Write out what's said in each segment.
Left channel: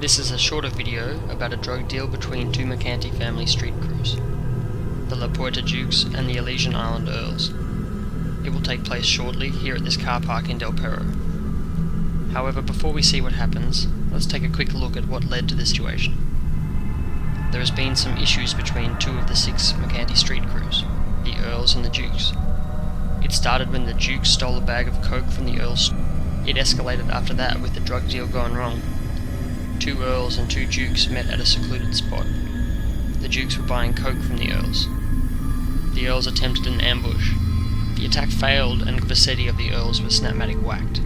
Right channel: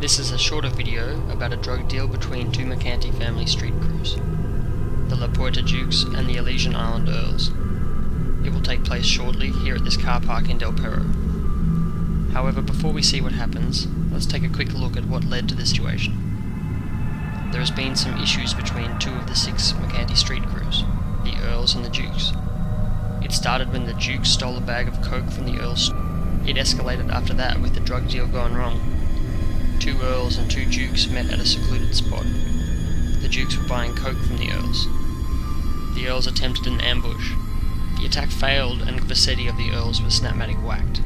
This is a shorter video about a drug deal between two Mercanti Family street crews, the La Puerta Dukes and the Elysian Island Earls. It will take place shortly here at this car park in Del Perro. However, before we see what happens, let's take a quick look at what led to this situation. There has been some issues between two of the 6 Mercanti street crews, the Earls and the Dukes. It started when the Dukes stole a bag of coke from the Earls. It escalated after that with the drug deal gone wrong. 2 Earls and 2 Dukes met at a secluded spot. The Dukes were buying coke from the Earls. The Earls attempted an ambush. The attack failed and Vassetti of the Earls was snapmatic whacked.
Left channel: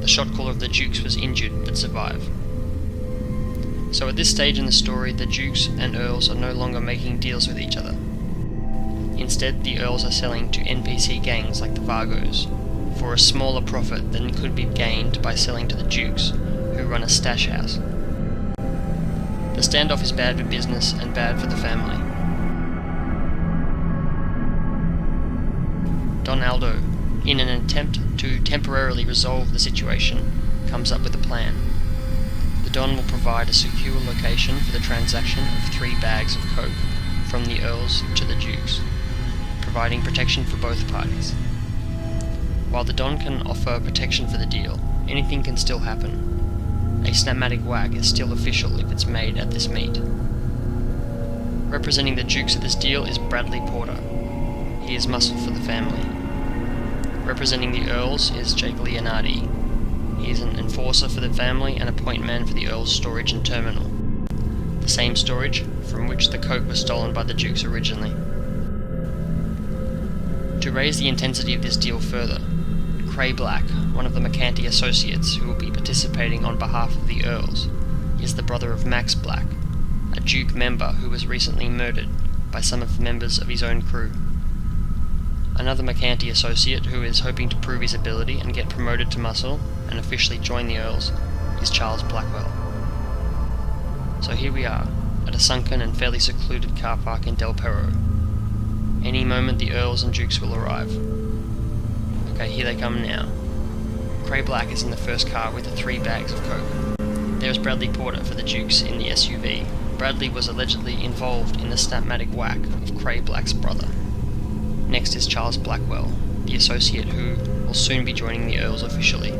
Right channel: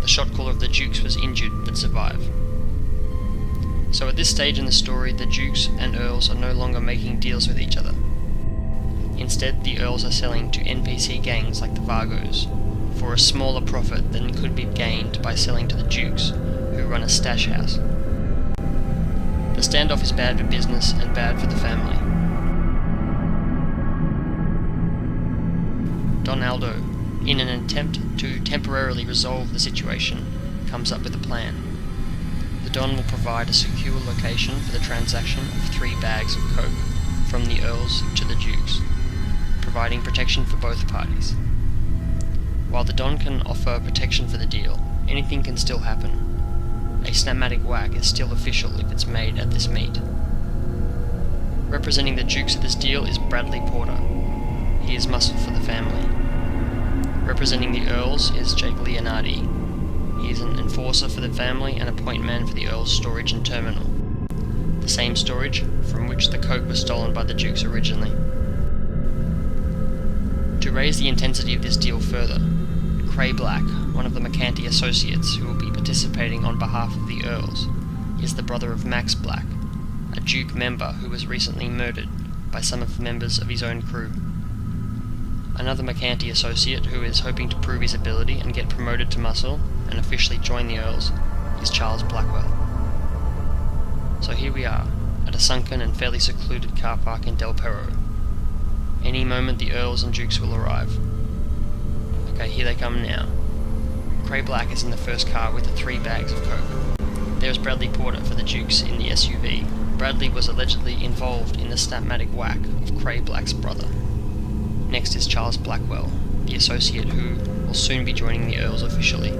The shot caller of the Dukes was injured but survived. So at this stage in the story, the Dukes and Earls are no longer making deals with each other. Instead, the Earls are selling to NPC gangs like the Vargos, for a smaller profit than could be gained by selling to the Dukes, who run a stash house. The standoff is bad for business and bad for the family. Don Aldo, in an attempt to temporarily resolve the situation, comes up with a plan. The Don will provide a secure location for the transaction of 3 bags of coke from the Earls to the Dukes, providing protection for both parties. While the Don can offer protection for the deal, anything can still happen. A snapmatic whack is still official if it's made at this meet. Representing the Dukes of this deal is Bradley Porter. He is muscle for the family. Representing the Earls is Jake Leonardi. He is an enforcer for the family and a point man for the Earls' storage and terminal, the same storage from which the coke was stolen by the Dukes originally. To raise the intensity of this deal further, Cray Black, one of the Mercanti associates who will be participating on behalf of the Earls, is the brother of Max Black, a Duke member who was recently murdered by some of the members of his own crew. Another Mercanti associate who is hoping to prove his ability and get promoted to muscle and officially join the Earls is Charles Blackwell. So here we are, at a sunken and fairly secluded car park in Del Perro. Any moment the Earls and Dukes will arrive. Okay, here they come now. Cray Black is in the first car with the 3 bags of coke. There's Bradley Porter for the Dukes in the SUV. Bradley was allegedly involved in the snapmatic whack of Cray Black's brother. Next is Charles Blackwell, the associate who will soon be joining the Earls officially.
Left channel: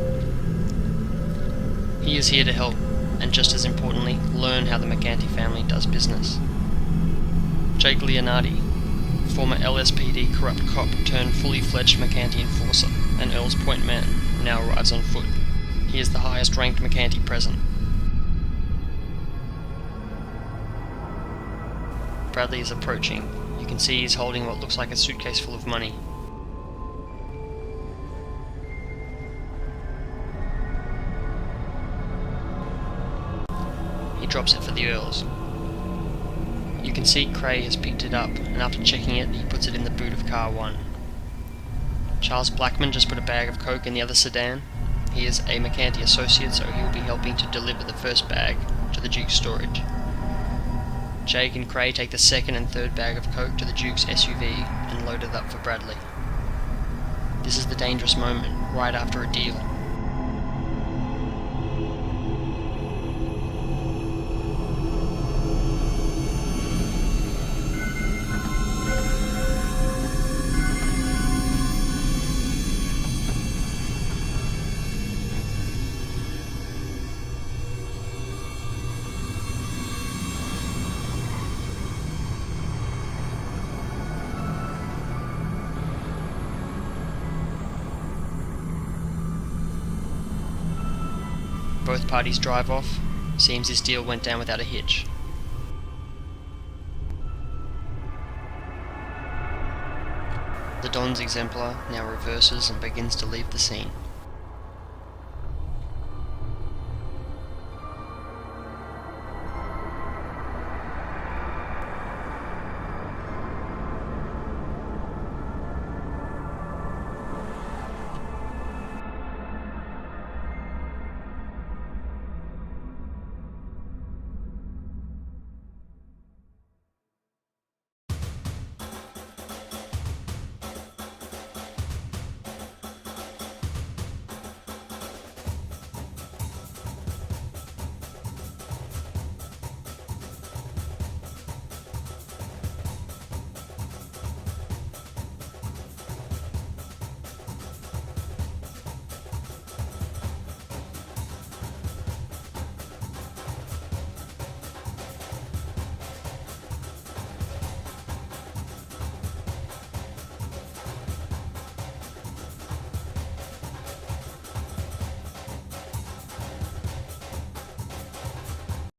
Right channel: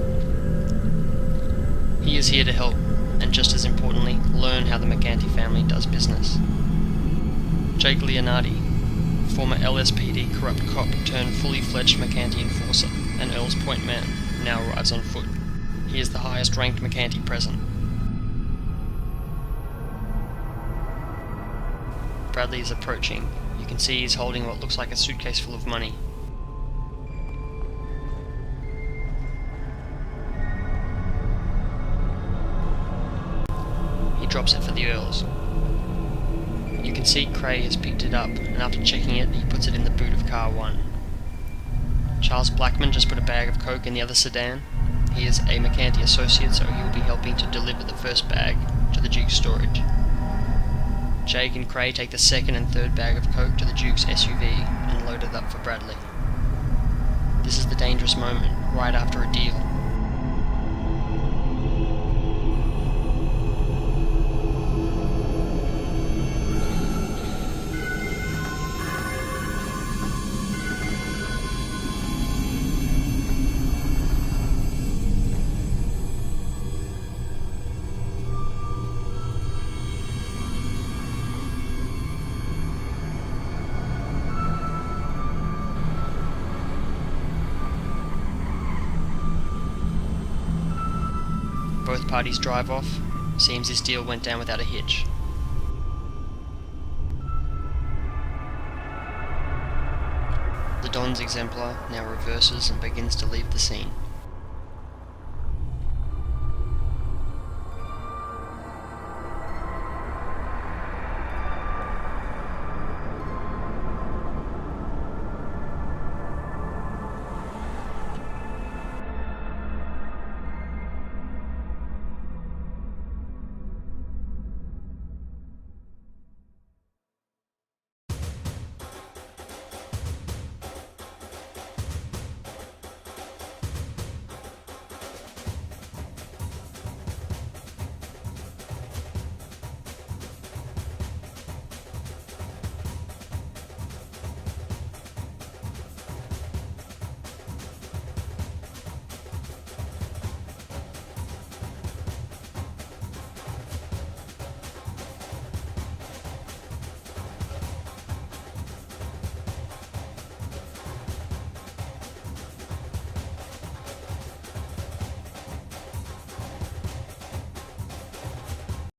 He is here to help, and just as importantly, learn how the Mercanti family does business. Jake Leonardi, former LSPD corrupt cop turned fully fledged Mercanti enforcer and Earl's point man, now arrives on foot. He is the highest ranked Mercanti present. Bradley is approaching. You can see he's holding what looks like a suitcase full of money. He drops it for the Earls. You can see Cray has picked it up, and after checking it, he puts it in the boot of car 1. Charles Blackman just put a bag of coke in the other sedan. He is a Mercanti associate, so he will be helping to deliver the first bag to the Duke's storage. Jake and Cray take the second and third bag of coke to the Duke's SUV and load it up for Bradley. This is the dangerous moment, right after a deal. Both parties drive off. Seems this deal went down without a hitch. The Don's exemplar now reverses and begins to leave the scene.